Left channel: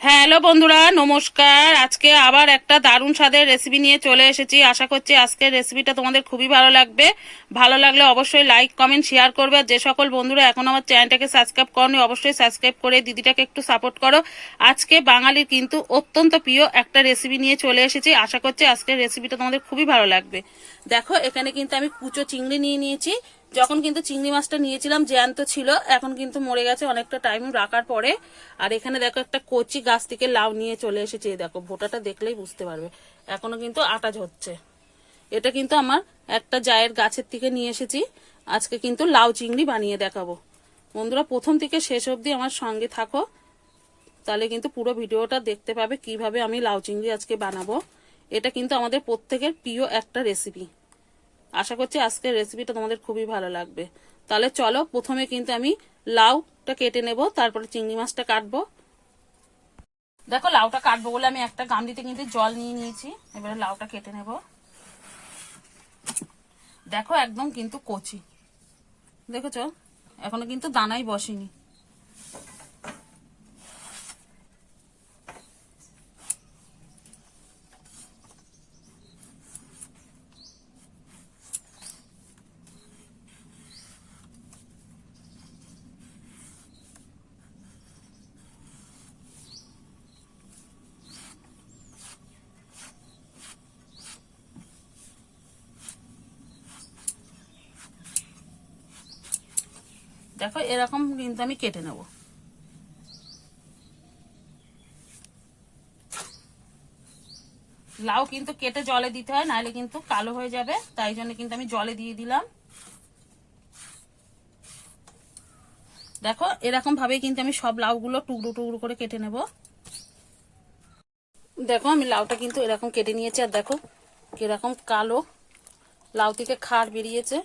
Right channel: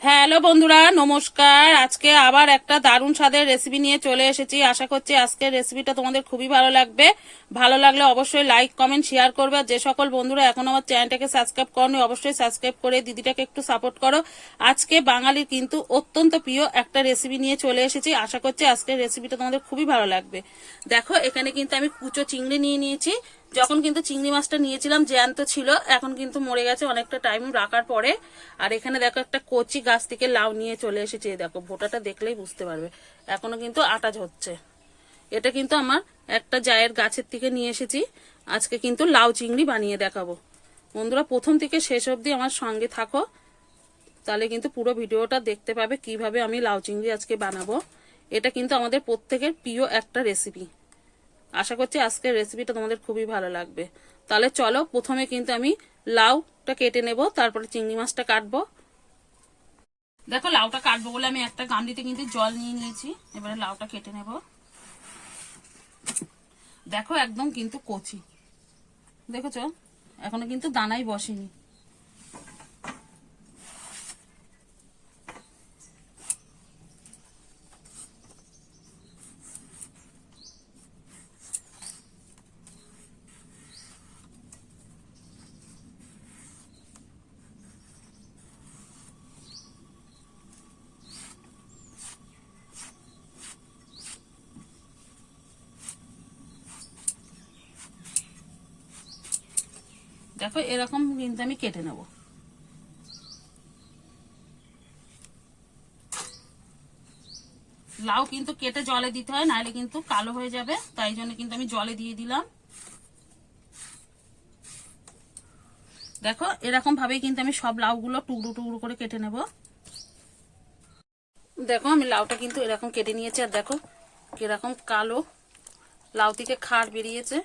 Hello বন্ধুরা, নমস্কার। আজকে আবার একটা দারুণ স্বাদের রেসিপি নিয়ে চলে এসেছি। আশা করছি আজকের রেসিপিটা তোমাদের খুবই ভালো লাগবে। ভালো লাগলে অবশ্যই লাইক কমেন্ট শেয়ার করবে। আর যে সকল বন্ধুরা এখন আমার চ্যানেলটাকে সাবস্ক্রাইব করনি, অবশ্যই সাবস্ক্রাইব করে দিদিটাকে একটু সাপোর্ট করো। আজকে বাঙালির কিন্তু অত্যন্ত প্রিয় একটা রেসিপি নিয়ে চলে এসেছি। আশা করছি আজকের রেসিপিটা তোমাদের খুবই ভালো লাগবে। দেখো, এখানে কিন্তু আমি কুচো চিংড়ি নিয়ে নিয়েছি। যখন কিন্তু চিংড়ি মাছটা নিয়েছিলাম, জ্যান্ত ছিল, এখন কিন্তু মরে গেছে, অনেকটা টাইম রাখার পরে। আর এখানে দেখো একটা কচি গাছ থেকে লাউ নিয়ে চলে এসেছে দেখো, ভোটাটা দেখলেই বুঝতে পারবে। এখনও কিন্তু আটা হচ্ছে এটা কিন্তু আমার একটা জায়ের গাছের থেকে নিয়ে এসেছি। আজকে কিন্তু লাউ চিংড়ি বানিয়ে দেখাবো। বন্ধুরা, প্রথম থেকে শেষ অবধি আমার সঙ্গে থাকো। তাহলে কিন্তু পুরো ভিডিওটা দেখতে পাবে কীভাবে আমি লাউ চিংড়ি আজকে বানাবো। এটা কিন্তু আমাদের প্রত্যেকের প্রিয় একটা রেসিপি আশা করছি আজকের রেসিপিটা তোমাদের খুবই ভালো লাগবে। তাহলে চলো, প্রথমে কিন্তু আমি লাউটা কেটে নেব, তারপরে চিংড়ি মাছটা কাটবো। দেখো, লাউটা কাটবো বলে আমি একটা গামলিতে কিন্তু জল নিয়ে নিয়েছি, এবারে লাউটা কেটে নেব। দেখো, একদম কিন্তু কচি। দেখেছ? এখনও কিন্তু দানাই বসেনি। দেখো, এরকম কিন্তু আমি কেটে নেব। লাউ কিন্তু কেটে জলে দিতে হয়, নাহলে কিন্তু কালো হয়ে যাবে। তাই জন্য কিন্তু আমি জলে দিয়ে দিলাম। দেখো, এরকম ভাবে কিন্তু আমি সব লাউগুলো টুকরো টুকরো করে কেটে নেব। দেখো, আমি লাউটা কিন্তু এরকম কেটে নিয়েছি, আর দেখো, কীরকম কালো লাউ থেকে খাড় বেরিয়েছে।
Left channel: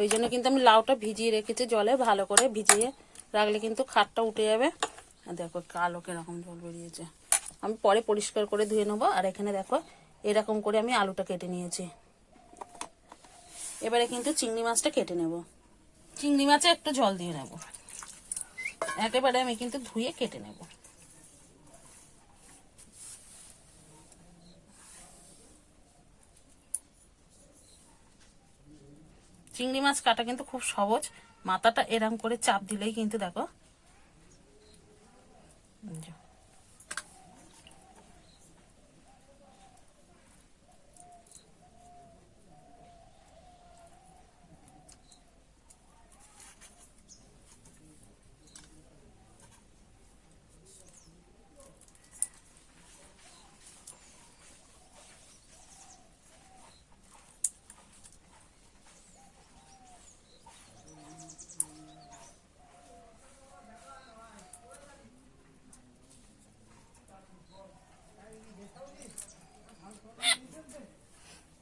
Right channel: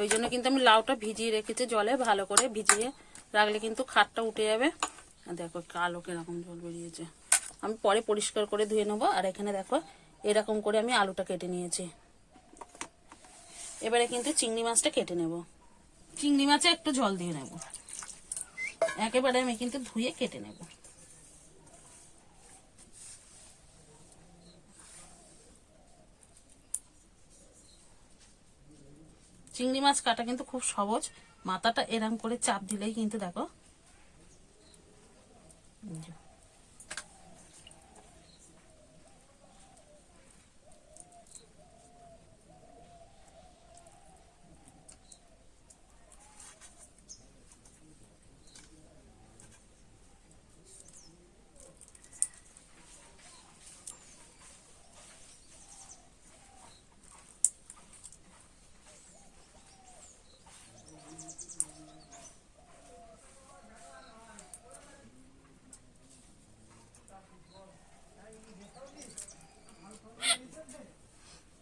ওই জন্য কিন্তু আমি লাউটা ভিজিয়ে রেখেছি জলে, ভালো করে ভিজিয়ে রাখলে কিন্তু খাটটা উঠে যাবে। আর দেখো কালো কীরকম জল বেরিয়েছে। আমি পরে পরিষ্কার করে ধুয়ে নেব। আর এখানে দেখো এরকম করে আমি আলুটা কেটে নিয়েছি। এবারে কিন্তু চিংড়ি মাছটা কেটে নেব। চিংড়ি মাছে একটু জল দিয়ে নেব। একেবারে আমি কিন্তু ধুয়ে কেটে নেব। চিংড়ি মাছ কাটা কিন্তু খুব সহজ। মাথাটা এরম করে চাপ দিলেই কিন্তু দেখো।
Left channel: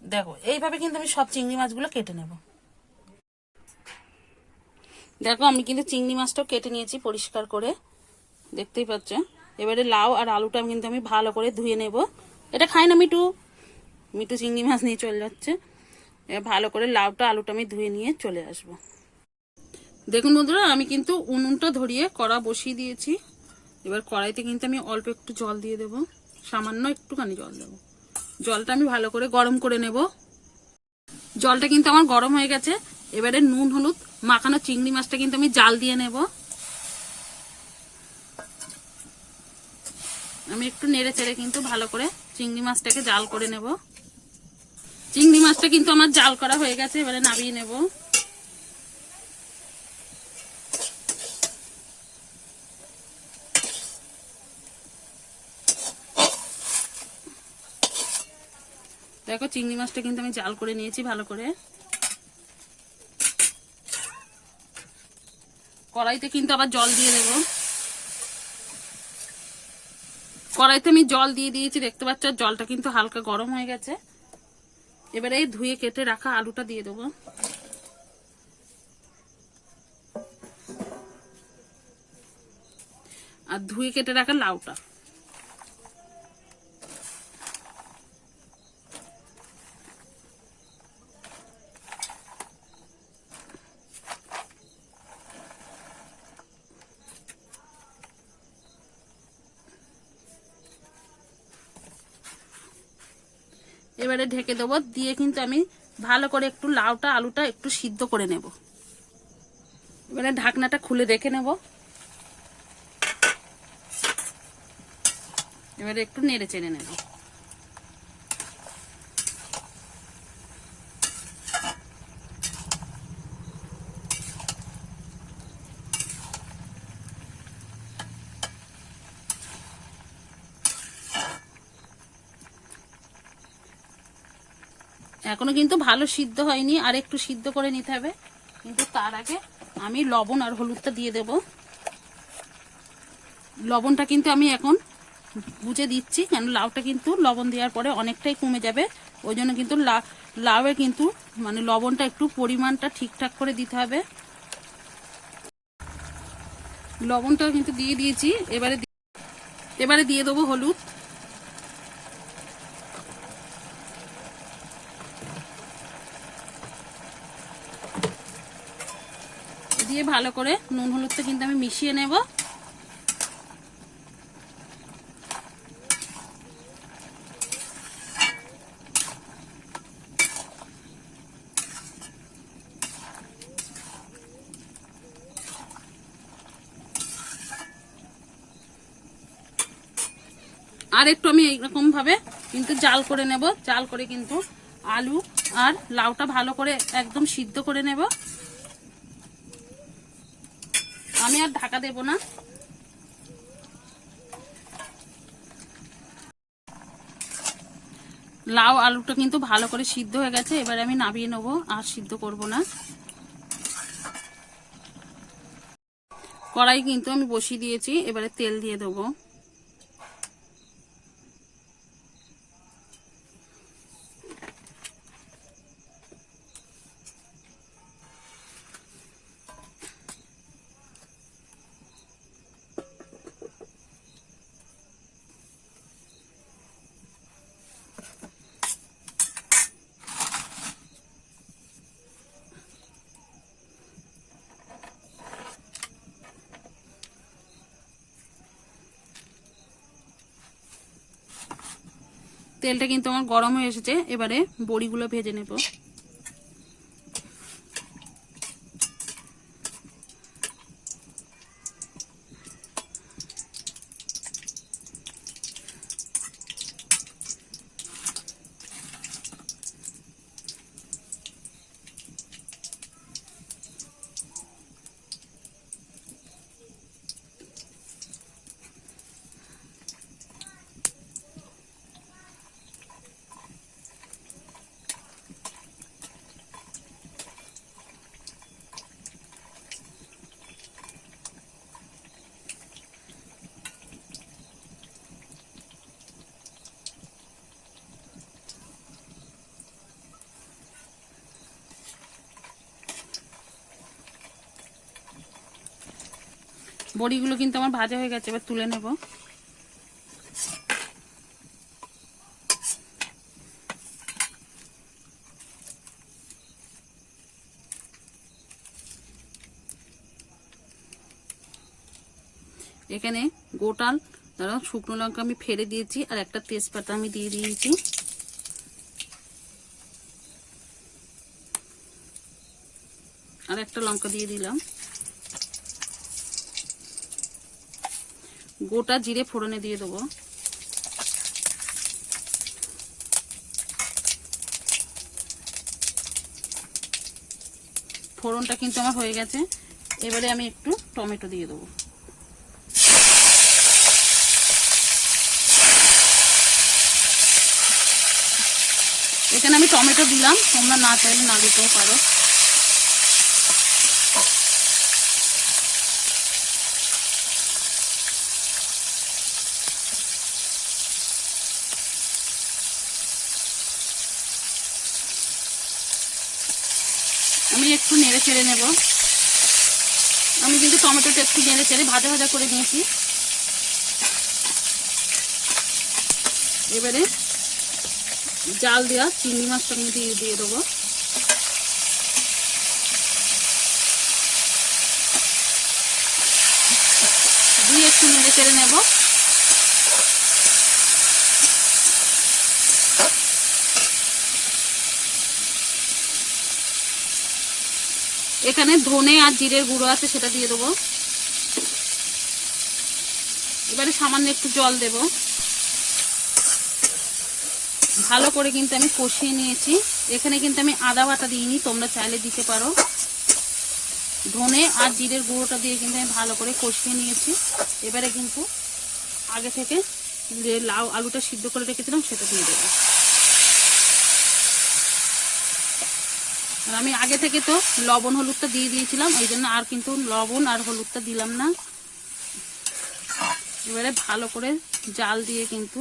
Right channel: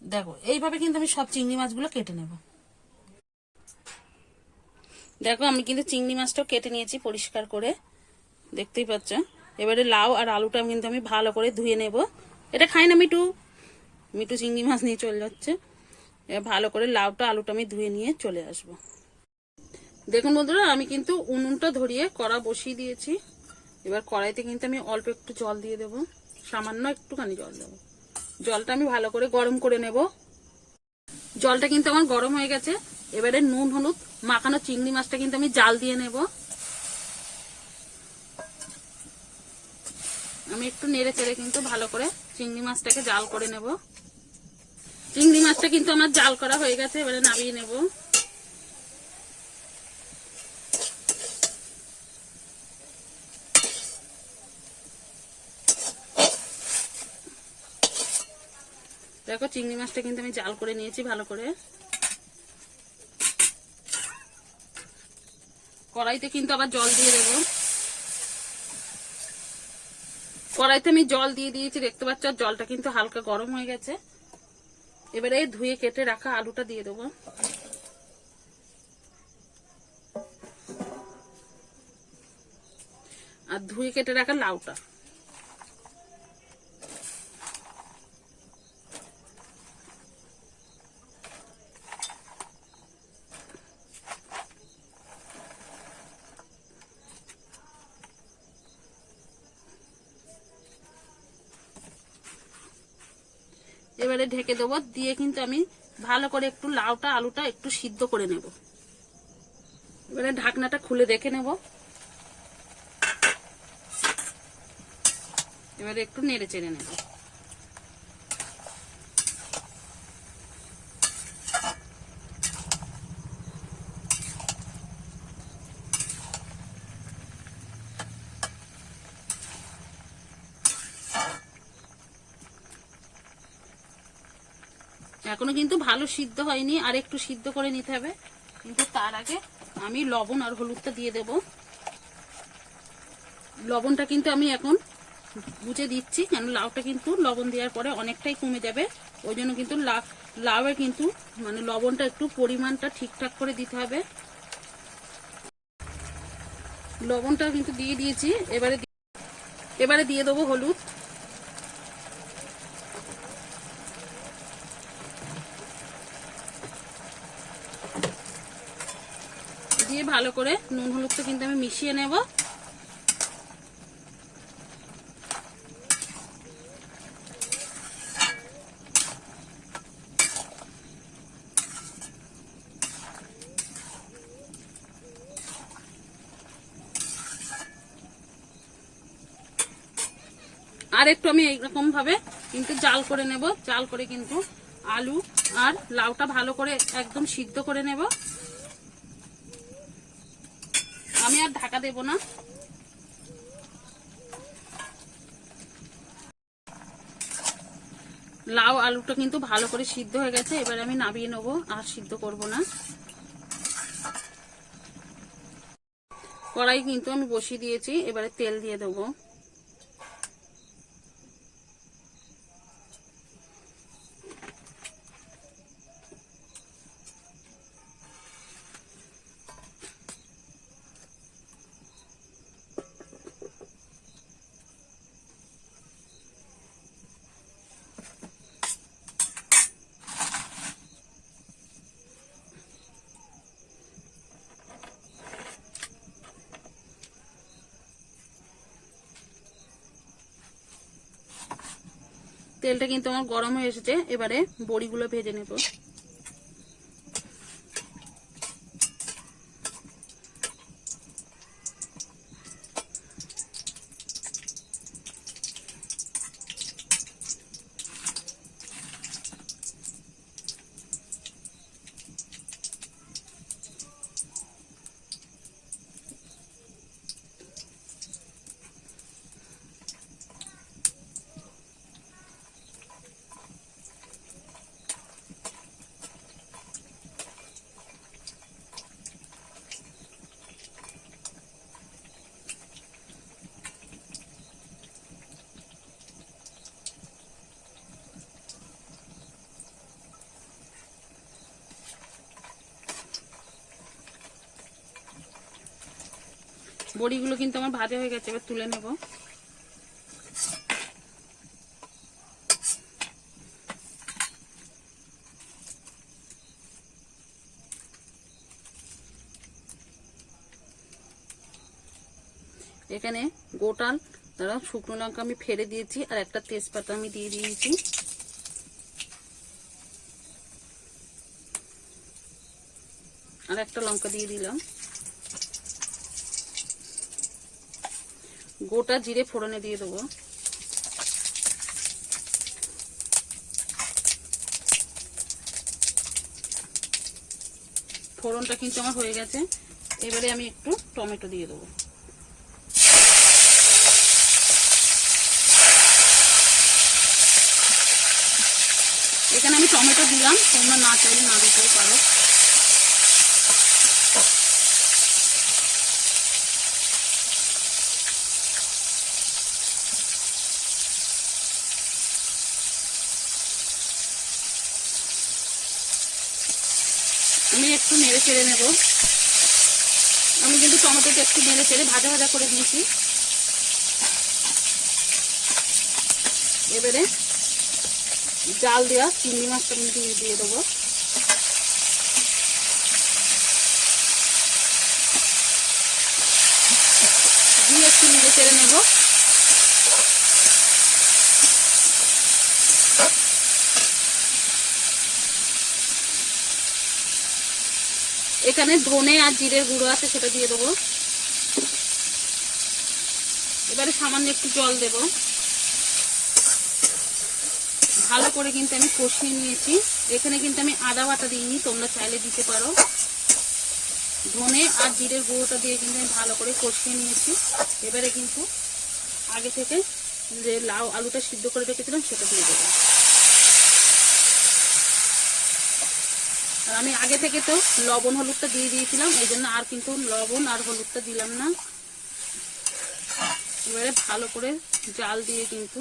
দেখো, এইভাবে কিন্তু আমি সব চিংড়ি মাছগুলো কেটে নেব। দেখো, আমি কিন্তু চিংড়ি মাছটাও কেটে নিয়েছি পরিষ্কার করে। দেখতেই পাচ্ছ? এবারে লাউ আর আলুটা কিন্তু আমি ভালো করে ধুয়ে নেব। এটা খাই না মিটু মিটু চিংড়ি মাছ নিয়ে চলে যাচ্ছে। এবার ভালো করে লাউটা, আলুটা আমি ধুয়ে নিয়ে চলে আসব। দেখুন বন্ধুরা, আমি কিন্তু উনুনটা ধরিয়ে কড়া বসিয়ে দিয়েছি। এবার কড়াইতে কিন্তু আমি অল্প একটু জল দিয়ে দেব। সামান্য একটুখানি জল দেবো। জলটা আমি ভালো করে গরম করে নেব। জলটা কিন্তু আমার গরম হয়ে গেছে। এবারে নুন, হলুদ, মাখানো চিংড়ি মাছটা কিন্তু আমি জাল দিয়ে নেব। আমি একটু নেড়ে চেড়ে কিন্তু ভালো করে চিংড়ি মাছটাকে জাল করে নেব। চিংড়ি মাছটা কিন্তু আমার জাল করা হয়ে গেছে, এবারে নামিয়ে নেব। দেখো চিংড়ি মাছটা কিন্তু আমি জাল করে নিয়েছি ভালো করে। কড়াইতে কিন্তু আবার জল দিয়ে দেবো। কড়াইতে আমি জল দিয়ে দিয়েছি, দেখতে পাচ্ছ জলটা কিন্তু হালকা গরম হয়ে গেছে। এবারে ধুয়ে কেটে রাখা আলুটা দিয়ে দেবো। আর ধুয়ে কেটে রাখা লাউটা। এবারে ঢেকে দেবো। দিয়ে কিন্তু আমি ভালো করে একটু লাউটা, আলুটা একটু সিদ্ধ করে নেব। এবারে ঢাকনাটা খুলে দেখে নেব। এবারে একটু নেড়ে চেড়ে নেব। এখনও কিন্তু ভালো সিদ্ধ হয়নি, আর একটু সিদ্ধ করে নিতে হবে। কিন্তু তার আগে আমি লবণ আর হলুদটা দিয়ে দেব। লবণটা কিন্তু আমি এখন বুঝে দিচ্ছি, কেন লাউটা কিন্তু লবণ দেওয়ার পরে অনেকটাই কমে যাবে। ওই জন্য কিন্তু লাউয়ে কিন্তু মানে লবণটা একটু পরিমাণটা ঠিকঠাক করে দিতে হবে। লবণটা কিন্তু দিয়ে দিয়েছি, এবারে এবারে দিয়ে দেবো হলুদ। দিয়ে ভালো করে নুন হলুদটা কিন্তু আমি মিশিয়ে নেব। আর একটু আমি এইরকম ভাবে কিন্তু জাল করে নেব। জাল করে কিন্তু আলু আর লাউটা ভালো করে একদম সিদ্ধ করে নেব। আমি আর ঢাকা দেব না। লাউ আলুটা কিন্তু ভালো করে সিদ্ধ হয়ে গেছে, এবার আমি নামিয়ে নেব, আর সিদ্ধ করব না। কড়াই কিন্তু আমি বসিয়ে দিয়েছি, এবারে তেল দিয়ে দেবো। তেলটা কিন্তু আমার গরম হয়ে এসেছে এবারে বড়িগুলো ভেজে নেব। বড়িগুলো কিন্তু আমার ভাজা হয়ে গেছে, এবার তুলে নেব। এখানে গোটাল দাঁড়াও শুকনো লঙ্কা আমি ফেলে দিয়েছি, আর একটা তেজপাতা আমি দিয়ে দিয়েছি। আর একটা লঙ্কা দিয়ে দিলাম। গোটা জিরে ফোড়নে দিয়ে দেবো। ফোড়নটা কিন্তু আমার হয়ে গেছে। এবারে আমি একটু টমেটো দিয়ে দেবো। এখানে আমি টমেটো দিলাম, তোমরা না চাইলে না দিতেও পারো আমি নেড়ে নেব। আমি কিন্তু টমেটোটা একটু নেড়ে চেড়ে ভাজা ভাজা করে নিয়েছি এবারে জাল দেওয়া চিংড়ি মাছটা দিয়ে দিয়ে দেবো। দিয়ে একটু নেড়ে চেড়ে নেব। এখানে ধনে আর জিরের গুঁড়ো আছে, সেটা দিয়ে দেবো। এবারে সামান্য একটু জল দেব। ভালো করে কিন্তু আমি কষিয়ে নিয়েছি। এখানে কিন্তু আমি আদা বাটা দিইনি, তোমরা চাইলে দিতে পারো। ধনে আর জিরের গুঁড়োটা দিয়ে কিন্তু আমি ভালো করে কষিয়ে নিয়েছি। এবারে কিন্তু আগে থেকে যে লাউ আলুটা সিদ্ধ করে রেখেছিলাম, সেটা দিয়ে দেবো। আমি আগে থেকে তো লবণ, হলুদটা দিয়ে দিয়েছিলাম, এই জন্য আর কিন্তু লবণ আর হলুদটা দিলাম না। এবারে ভালো করে জাল দিয়ে কিন্তু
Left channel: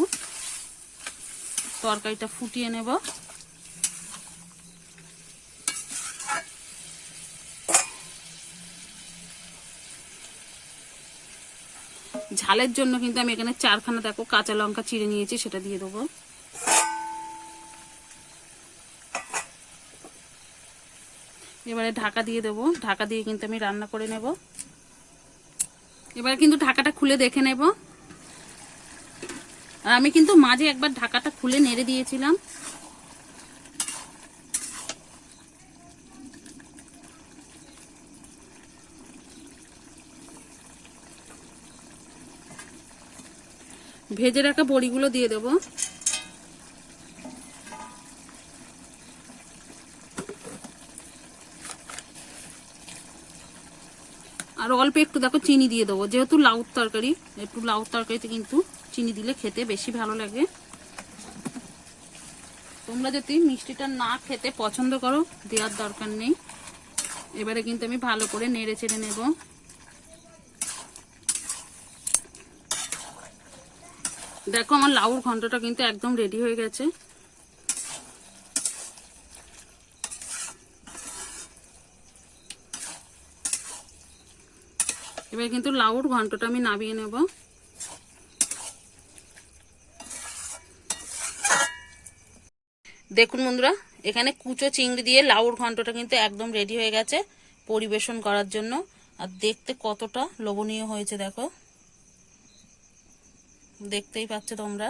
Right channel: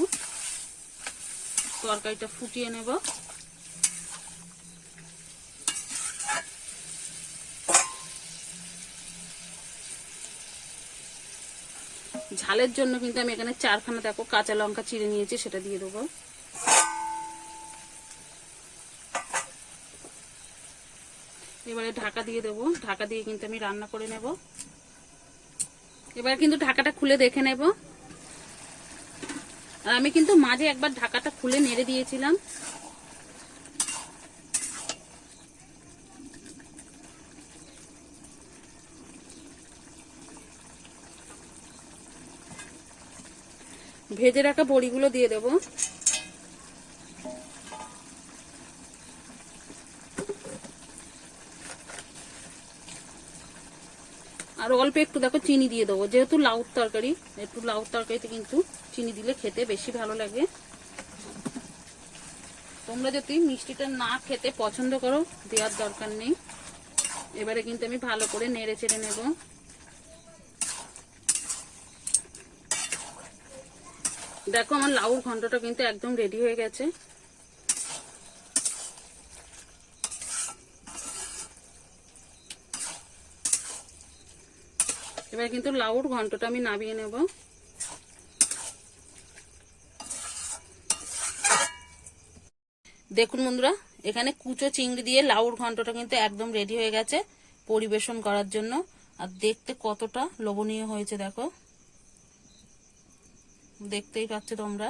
তরকারিটা ফুটিয়ে নেব। ঝালের জন্য কিন্তু আমি এখানে চারখানা, দেখো কাঁচা লঙ্কা চিড়ে নিয়েছি, সেটা দিয়ে দেবো। এবারে ঢাকা দিয়ে দেবো। ঢাকা দিয়ে কিন্তু আমি রান্না করে নেব। এবারে কিন্তু ঢাকাটা খুলে দেখে নেব। আর আমি কিন্তু মাঝে একবার ঢাকাটা খুলে নেড়ে দিয়েছিলাম। ভেজে রাখা বড়িগুলো দিয়ে দেবো। আর অল্প একটু দেখো চিনি দিয়ে দেবো। যেহেতু লাউর তরকারি, একটু লাউর তরকারিতে কিন্তু চিনি দিলে খেতে বেশি ভালো লাগে। তোমরা যদি মিষ্টিটা না খেতে পছন্দ করো, দেওয়ার দরকার নেই। এবারে কিন্তু আমি ভালো করে নেড়ে চেড়ে নেব। দেখো আমার লাউর ঘন্টটা কিন্তু একদম রেডি হয়ে গেছে। এবার কিন্তু লাউর ঘন্টটা আমি নামিয়ে নেব। দেখুন বন্ধুরা, এখানে কুচো চিংড়ি দিয়ে লাউর ঘন্টটা কিন্তু একদম রেডি হয়ে গেছে পরিবেশন করার জন্য। আর দেখতে কতটা লোভনীয় হয়েছে, দেখো। দেখতেই পাচ্ছ তোমরা।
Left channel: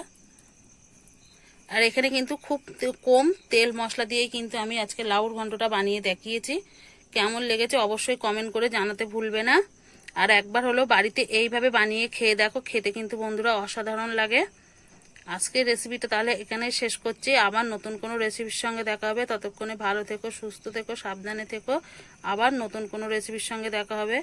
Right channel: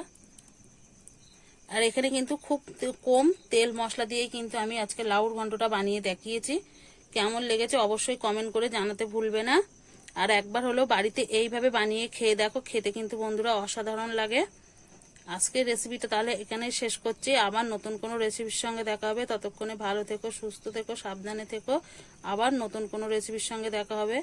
আর এখানে কিন্তু খুব কম তেল মশলা দিয়েই কিন্তু আমি আজকে লাউর ঘন্টটা বানিয়ে দেখিয়েছি। কেমন লেগেছে অবশ্যই কমেন্ট করে জানাতে ভুলবে না। আর একবার হলো বাড়িতে এইভাবে বানিয়ে খেয়ে দেখো, খেতে কিন্তু বন্ধুরা অসাধারণ লাগে। আজকের রেসিপিটা তাহলে এখানে শেষ করছি। আবার নতুন কোনো রেসিপির সঙ্গে দেখা হবে। ততক্ষণে ভালো থেকো, সুস্থ থেকো, সাবধানে থেকো। আবার নতুন কোনো রেসিপির সঙ্গে দেখা হবে।